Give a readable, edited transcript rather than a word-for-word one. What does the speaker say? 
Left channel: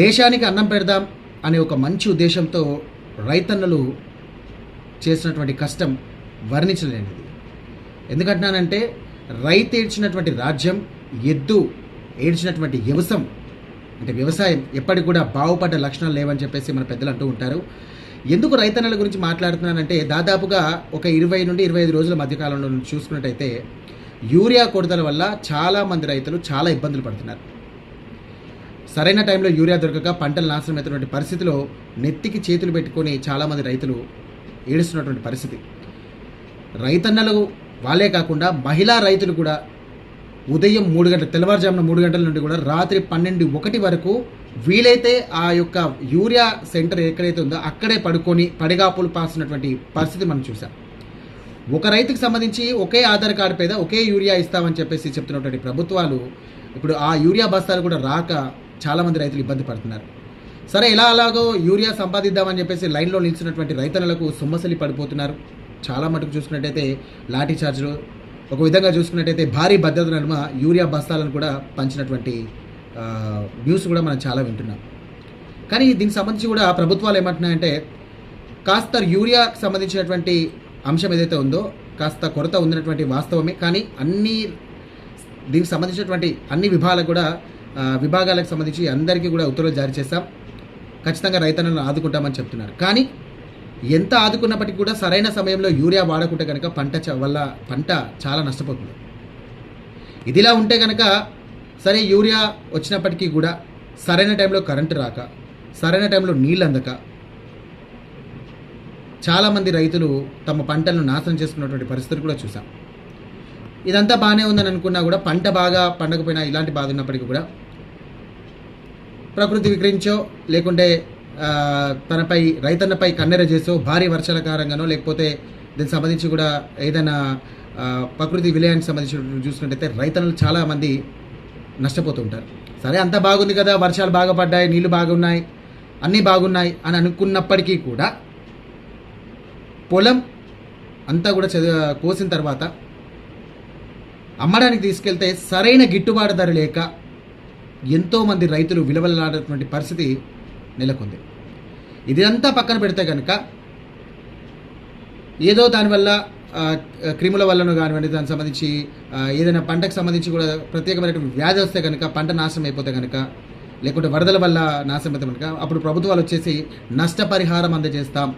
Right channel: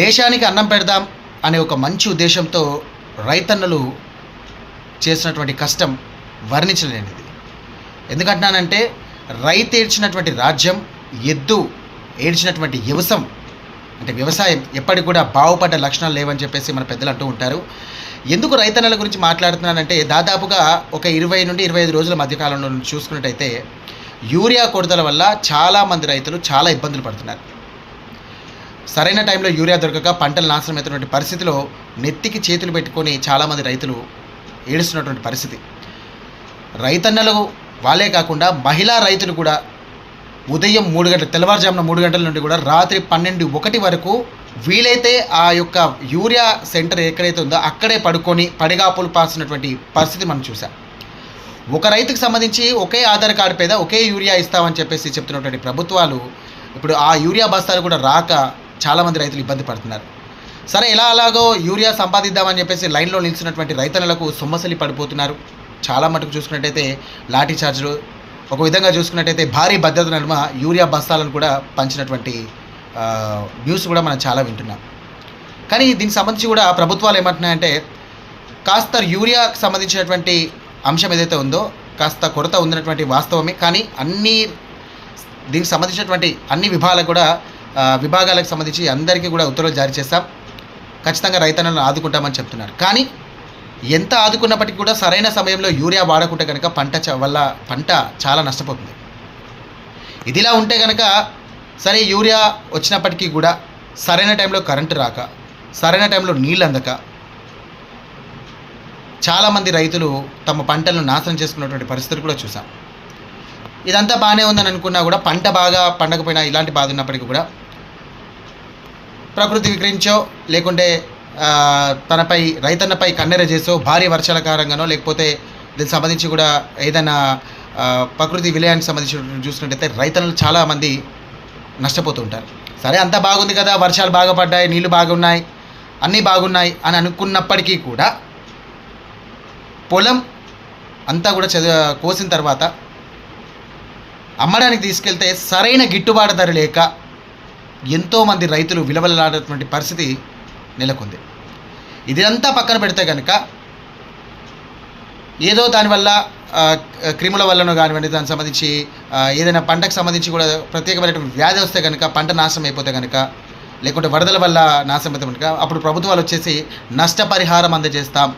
దేశానికి అన్నం పెడదాం అనే ఒక మంచి ఉద్దేశంతో రైతన్నలు చేసినటువంటి కష్టం వర్ణించలేనిది. ఎందుకంటున్నానంటే రైతు ఏడ్చినటువంటి రాజ్యం, ఎద్దు ఏడ్చినటువంటి వ్యవసాయం ఎప్పటికి కూడా బాగుపడ్డ లక్షణాలు లేవని చెప్పేసి మన పెద్దలు అంటూ ఉంటారు. ఎందుకు రైతన్నల గురించి మాట్లాడుతున్నానంటే దాదాపుగా ఒక 20 నుండి 25 రోజుల మధ్యకాలంలో చూసుకున్నట్టయితే యూరియా కొరతల వల్ల చాలామంది రైతులు చాలా ఇబ్బందులు పడుతున్నారు. సరైన టైంలో యూరియా దొరకక పంటలు నాశనం అవుతున్నటువంటి పరిస్థితిలో నెత్తికి చేతులు పెట్టుకొని చాలామంది రైతులు ఏడుస్తున్నటువంటి పరిస్థితి. రైతన్నలు వాళ్ళే కాకుండా మహిళా రైతులు కూడా ఉదయం 3 గంటల, తెల్లవారుజామున 3 గంటల నుండి కూడా రాత్రి 12-1 వరకు వీలైతే ఆ యొక్క యూరియా సెంటర్ ఎక్కడైతే ఉందో అక్కడే పడుకొని పడిగాపులు పాసినటువంటి పరిస్థితి మనం చూసాం. ఒక రైతుకు సంబంధించి ఒకే ఆధార్ కార్డు మీద ఒకే యూరియా ఇస్తామని చెప్పేసి చెప్తున్నటువంటి ప్రభుత్వాలు ఇప్పుడు ఆ యూరియా బస్తాలు కూడా రాక చాలామంది రైతులు ఇబ్బంది పడుతున్నారు. సరే, అలాగో యూరియా సంపాదిద్దామని చెప్పేసి లైన్లో నిలిచినటువంటి రైతన్నలకు సొమ్మసలి పడిపోతున్నారు. చాలా మటుకు చూసుకున్నట్టయితే లాఠీ చార్జులు, ఒక విధంగా చూసుకున్నట్టయితే భారీ భద్రత నడుమ యూరియా బస్తాలను కూడా పంచినటువంటి న్యూస్ కూడా మనం చాలా వింటున్నాం. కానీ దీనికి సంబంధించి కూడా ప్రభుత్వాలు ఏమంటున్నాయంటే కాస్త యూరియాకి సంబంధించినటువంటి అంశం ఏదైతే ఉందో కాస్త కొరత ఉందన్నటువంటి వాస్తవమే. కానీ దీనికి సంబంధించినటువంటి అన్ని విభాగాలకు సంబంధించి అందరికీ కూడా ఉత్తర్వులు జారీ చేస్తాం, ఖచ్చితంగా రైతన్నలను ఆదుకుంటామని చెప్తున్నారు. కానీ ఎంత ఆదుకున్నప్పటికీ కూడా సరైన సమయంలో యూరియా వాడకుంటే కనుక పంట చాలా నష్టపోతుంది. ఇదిలా ఉంటే కనుక సరే, యూరియా వచ్చినప్పటికీ కూడా సరైన టైంలో కరెంటు రాక, సరైన టైంలో నీళ్ళు అందక చాలామంది రైతులు తమ పంటలను నాశనం చేసుకున్నటువంటి పరిస్థితులు కూడా చూసాం. ఇదంతా బాగానే ఉందని అనుకున్నా కూడా పంట బాగా పండకపోయినా ఇలాంటి బాధ ఉన్నప్పటికీ కూడా ప్రకృతి వికరించో లేకుంటే రైతన్నపై కన్నెర చేసో భారీ వర్షాల కారణంగానో లేకపోతే దీనికి సంబంధించి కూడా ఏదైనా ప్రకృతి విలయానికి సంబంధించి చూసుకున్నట్టయితే రైతన్నలు చాలామంది నష్టపోతూ ఉంటారు. సరే, అంతా బాగుంది కదా, వర్షాలు బాగా పడ్డాయి, నీళ్లు బాగున్నాయి, అన్నీ బాగున్నాయి అని అనుకున్నప్పటికీ కూడా పొలం అంతా కూడా కోసిన తర్వాత అమ్మడానికి తీసుకెళ్తే సరైన గిట్టుబాటు ధర లేక ఎంతోమంది రైతులు విలవలలాడేటువంటి పరిస్థితి నెలకొంది. ఇదంతా పక్కన పెడితే కనుక ఏదో దానివల్ల క్రిముల వల్లనో కానివ్వండి, దానికి సంబంధించి ఏదైనా పంటకు సంబంధించి కూడా ప్రత్యేకమైనటువంటి వ్యాధి వస్తే కనుక పంట నాశనం అయిపోతే కనుక, లేకుంటే వరదల వల్ల నాశనం అయితే కనుక అప్పుడు ప్రభుత్వాలు వచ్చేసి నష్టపరిహారం అందజేస్తాం,